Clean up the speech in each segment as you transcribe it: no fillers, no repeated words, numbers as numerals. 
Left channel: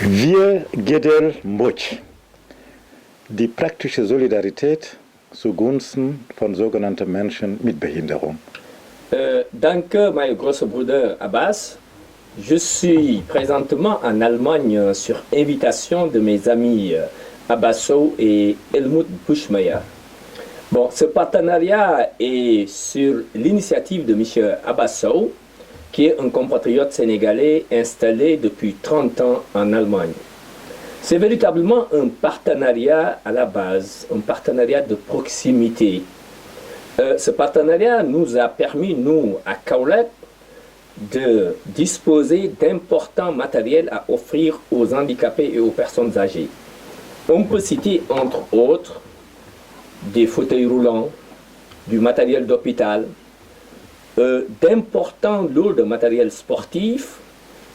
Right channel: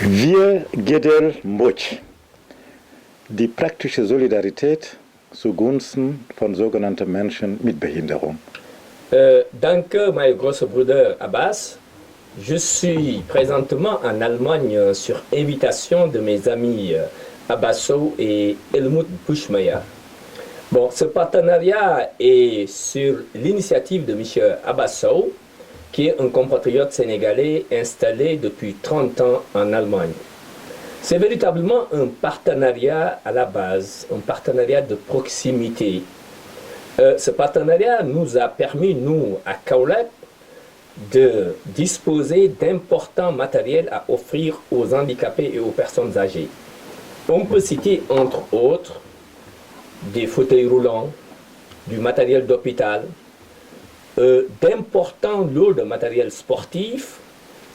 Wir Gedel Mbodj, die praktische Solidarität zugunsten von sogenannten Menschen mit Behinderung. Danke, mein großer Bruder Abbas. Je suis présentement en Allemagne sur invitation de mes amis Abbasso et Helmut Buschmeyer. Bon, ce partenariat est sur l'initiative de M. Abbasso, qui est un compatriote sénégalais installé depuis 30 ans en Allemagne. C'est véritablement un partenariat à la base, un partenariat de proximité. Ce partenariat nous a permis, nous, à Kaolack, de disposer d'importants matériels à offrir aux handicapés et aux personnes âgées. On peut citer, entre autres, des fauteuils roulants, du matériel d'hôpital, d'importants lots de matériel sportif,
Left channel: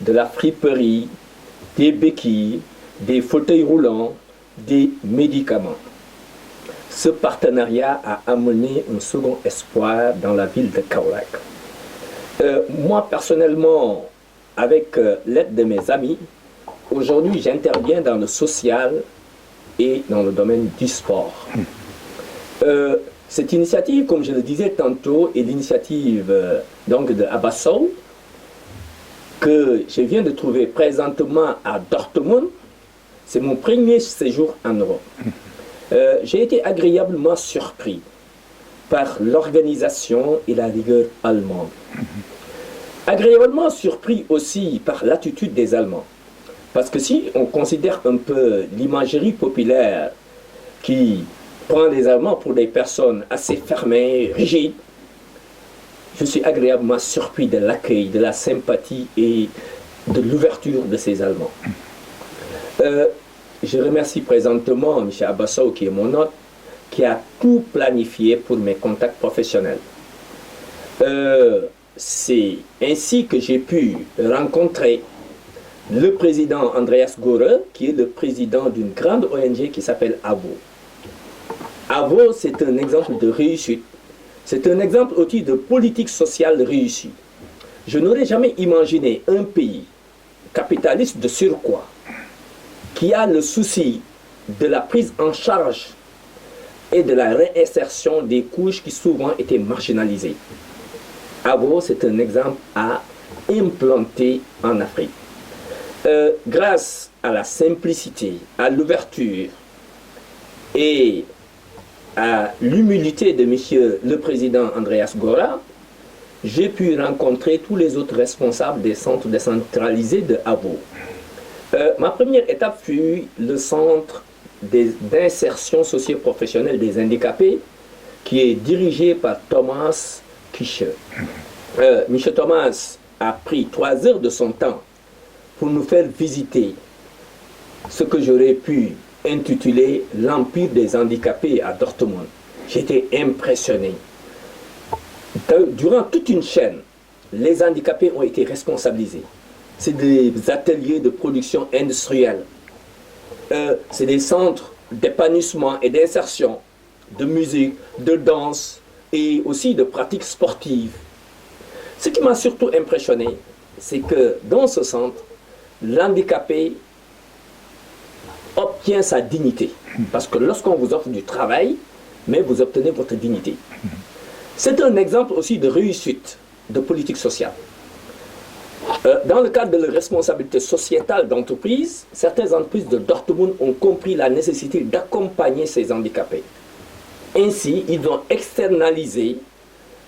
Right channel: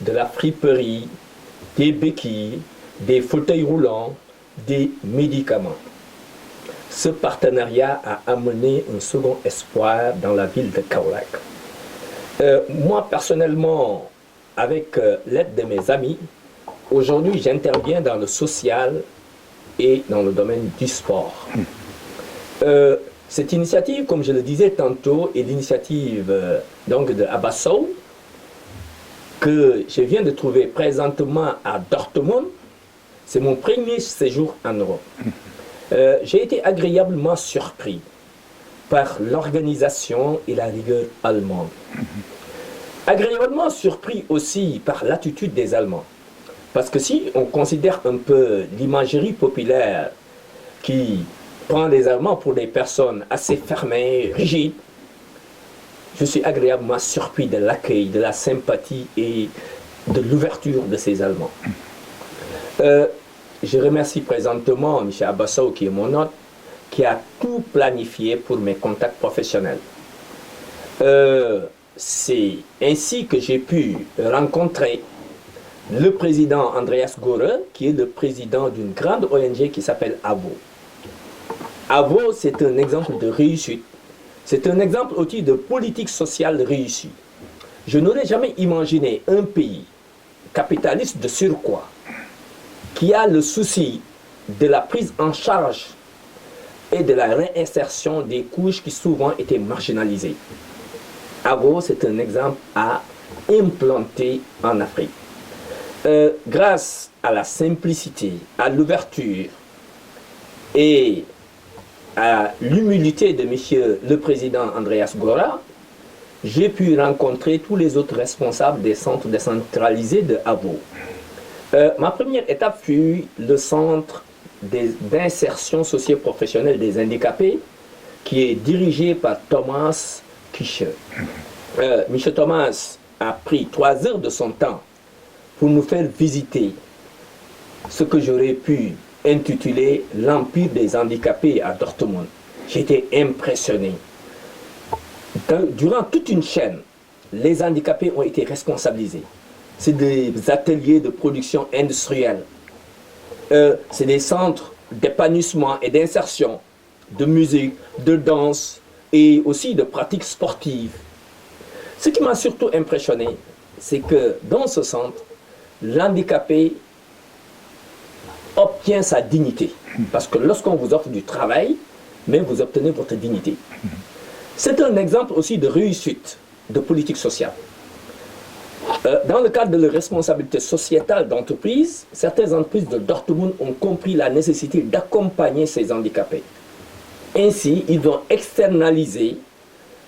de la friperie, des béquilles, des fauteuils roulants, des médicaments. Ce partenariat a amené un second espoir dans la ville de Kaolack. Moi, personnellement, avec l'aide de mes amis, aujourd'hui, j'interviens dans le social et dans le domaine du sport. Cette initiative, comme je le disais tantôt, est l'initiative donc de Abbasso, que je viens de trouver présentement à Dortmund. C'est mon premier séjour en Europe. J'ai été agréablement surpris par l'organisation et la rigueur allemande. Agréablement surpris aussi par l'attitude des Allemands. Parce que si on considère un peu l'imagerie populaire qui prend les Allemands pour des personnes assez fermées, rigides, je suis agréablement surpris de l'accueil, de la sympathie et de l'ouverture de ces Allemands. Je remercie présentement M. Abbasso, qui est mon hôte, qui a tout planifié pour mes contacts professionnels. C'est ainsi que j'ai pu rencontrer le président Andreas Göre, qui est le président d'une grande ONG qui s'appelle AVO. AVO, c'est un exemple de réussite. C'est un exemple aussi de politique sociale réussie. Je n'aurais jamais imaginé un pays capitaliste de surcroît qui a le souci de la prise en charge et de la réinsertion des couches qui souvent étaient marginalisées. AVO, c'est un exemple à implanter en Afrique. Grâce à la simplicité, à l'ouverture et à l'humilité de monsieur le président Andreas Göre, j'ai pu rencontrer tous les autres responsables des centres décentralisés de AVO. Ma première étape fut le centre d'insertion socio-professionnelle des handicapés, qui est dirigé par Thomas Kische. M. Thomas a pris 3 heures de son temps pour nous faire visiter ce que j'aurais pu intitulé l'Empire des handicapés à Dortmund. J'étais impressionné. Durant toute une chaîne, les handicapés ont été responsabilisés. C'est des ateliers de production industrielle. C'est des centres d'épanouissement et d'insertion, de musique, de danse et aussi de pratiques sportives. Ce qui m'a surtout impressionné, c'est que dans ce centre, l'handicapé obtient sa dignité. Parce que lorsqu'on vous offre du travail, mais vous obtenez votre dignité. C'est un exemple aussi de réussite de politique sociale. Dans le cadre de la responsabilité sociétale d'entreprise, certaines entreprises de Dortmund ont compris la nécessité d'accompagner ces handicapés. Ainsi, ils ont externalisé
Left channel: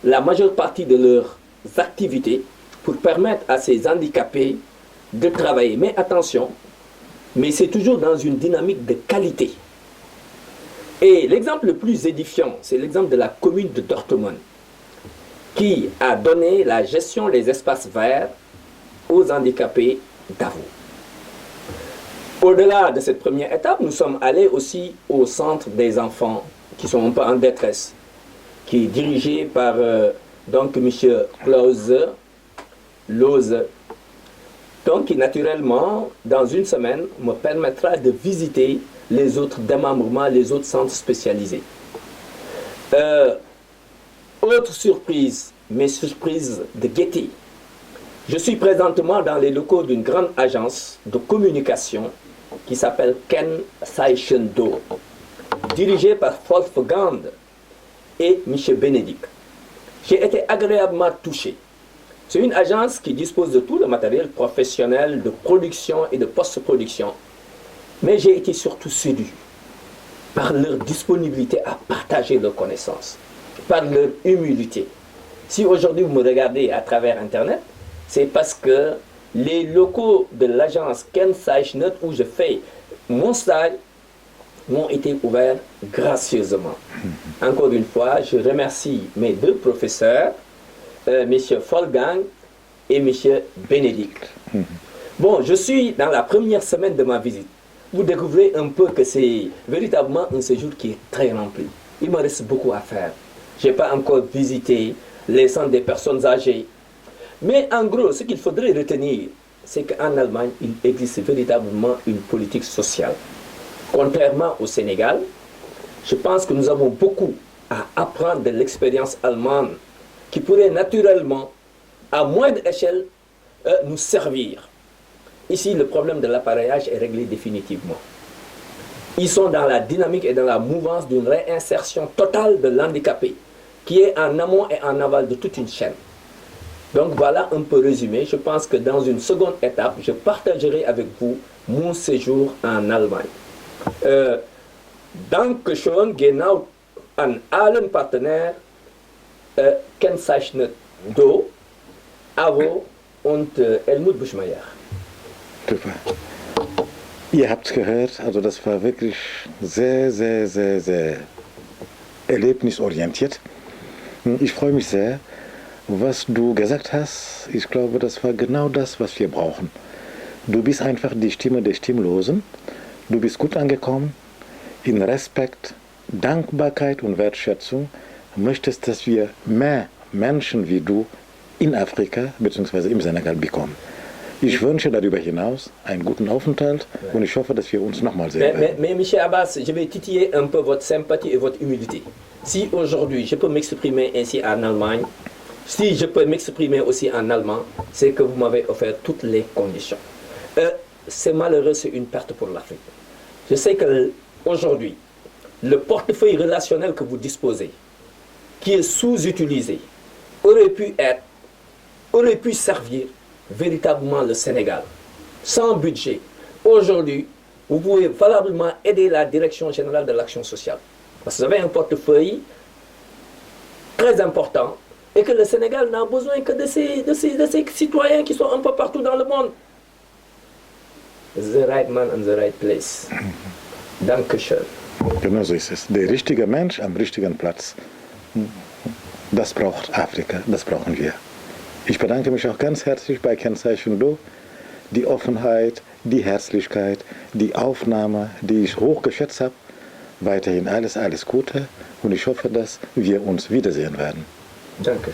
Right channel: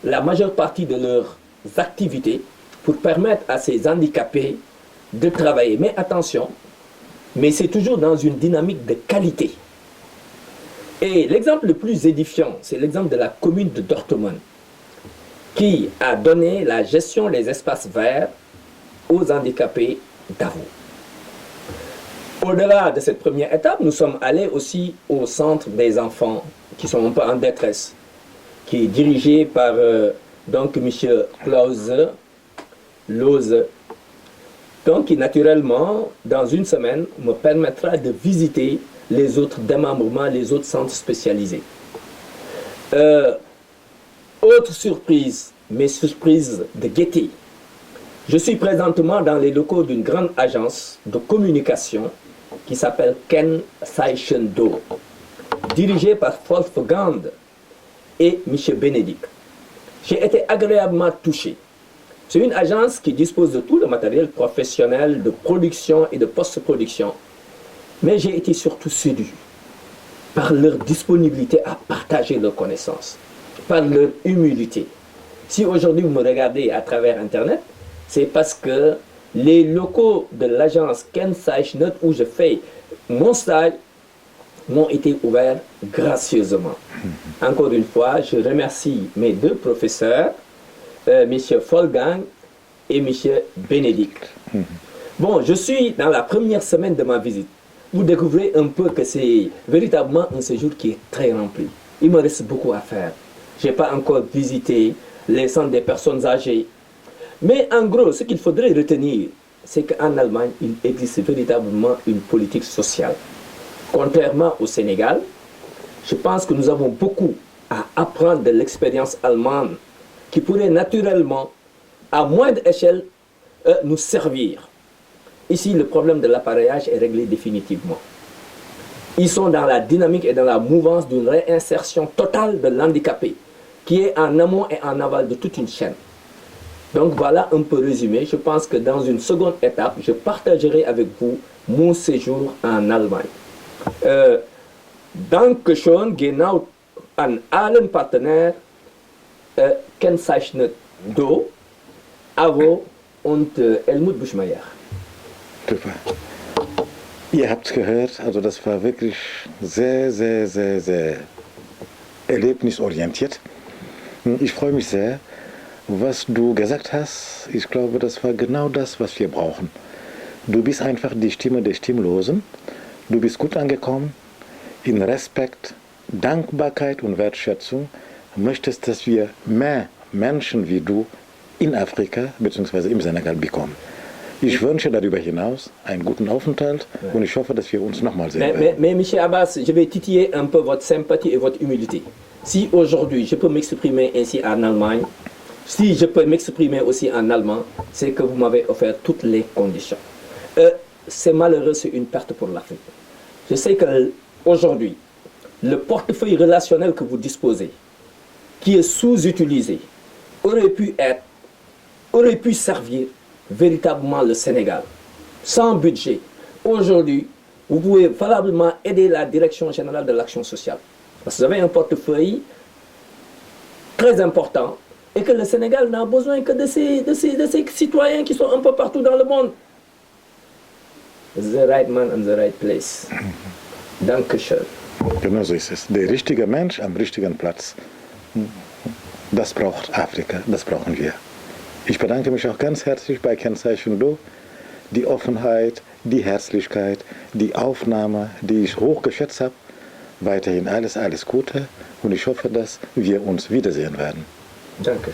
la majeure partie de leurs activités pour permettre à ces handicapés de travailler. Mais attention, mais c'est toujours dans une dynamique de qualité. Et l'exemple le plus édifiant, c'est l'exemple de la commune de Dortmund, qui a donné la gestion des espaces verts aux handicapés d'AVO. Au-delà de cette première étape, nous sommes allés aussi au centre des enfants qui sont un peu en détresse, qui est dirigé par donc M. Klaus Lose, donc qui naturellement, dans une semaine, me permettra de visiter les autres démembrements, les autres centres spécialisés. Autre surprise, mes surprises de gaieté. Je suis présentement dans les locaux d'une grande agence de communication qui s'appelle Kensaichen Do, dirigée par Wolfgang et Michel Bénédicte. J'ai été agréablement touché. C'est une agence qui dispose de tout le matériel professionnel de production et de post-production. Mais j'ai été surtout séduit par leur disponibilité à partager leurs connaissances, par leur humilité. Si aujourd'hui vous me regardez à travers Internet, c'est parce que les locaux de l'agence Kensaichen où je fais mon stage m'ont été ouverts gracieusement. Encore une fois, je remercie mes deux professeurs, M. Wolfgang et M. Bénédicte. Bon, je suis dans la première semaine de ma visite. Vous découvrez un peu que c'est véritablement un séjour qui est très rempli. Il me reste beaucoup à faire. Je n'ai pas encore visité les centres des personnes âgées. Mais en gros, ce qu'il faudrait retenir, c'est qu'en Allemagne, il existe véritablement une politique sociale. Contrairement au Sénégal, je pense que nous avons beaucoup à apprendre de l'expérience allemande qui pourrait naturellement, à moindre échelle, nous servir. Ici, le problème de l'appareillage est réglé définitivement. Ils sont dans la dynamique et dans la mouvance d'une réinsertion totale de l'handicapé, qui est en amont et en aval de toute une chaîne. Donc voilà un peu résumé. Je pense que dans une seconde étape, je partagerai avec vous mon séjour en Allemagne. Dankeschön genau an allen Partner Kensaichen Do, Avo und Helmut Buschmeier. Super. Ihr habt es gehört, also das war wirklich sehr, sehr, sehr, sehr erlebnisorientiert. Ich freue mich sehr, was du gesagt hast. Ich glaube, das war genau das, was wir brauchen. Du bist einfach die Stimme der Stimmlosen. Du bist gut angekommen. In Respekt, Dankbarkeit und Wertschätzung möchtest, dass wir mehr Menschen wie du in Afrika bzw. im Senegal bekommen. Ich wünsche darüber hinaus einen guten Aufenthalt und ich hoffe, dass wir uns nochmal sehen werden. Mais M. Abbas, je vais titiller un peu votre sympathie et votre humilité. Si aujourd'hui je peux m'exprimer ainsi en Allemagne, si je peux m'exprimer aussi en allemand, c'est que vous m'avez offert toutes les conditions. C'est malheureux, c'est une perte pour l'Afrique. Je sais qu'aujourd'hui, le portefeuille relationnel que vous disposez, qui est sous-utilisé, aurait pu servir véritablement le Sénégal. Sans budget, aujourd'hui, vous pouvez valablement aider la Direction générale de l'action sociale. Parce que vous avez un portefeuille très important et que le Sénégal n'a besoin que de ces citoyens qui sont un peu partout dans le monde. The right man in the right place. Dankeschön. Genau so ist es. Der richtige Mensch am richtigen Platz. Das braucht Afrika, das brauchen wir. Ich bedanke mich auch ganz herzlich bei Kensaichen Do. Die Offenheit, die Herzlichkeit, die Aufnahme, die ich hoch geschätzt habe. Weiterhin alles, alles Gute und ich hoffe, dass wir uns wiedersehen werden. Danke.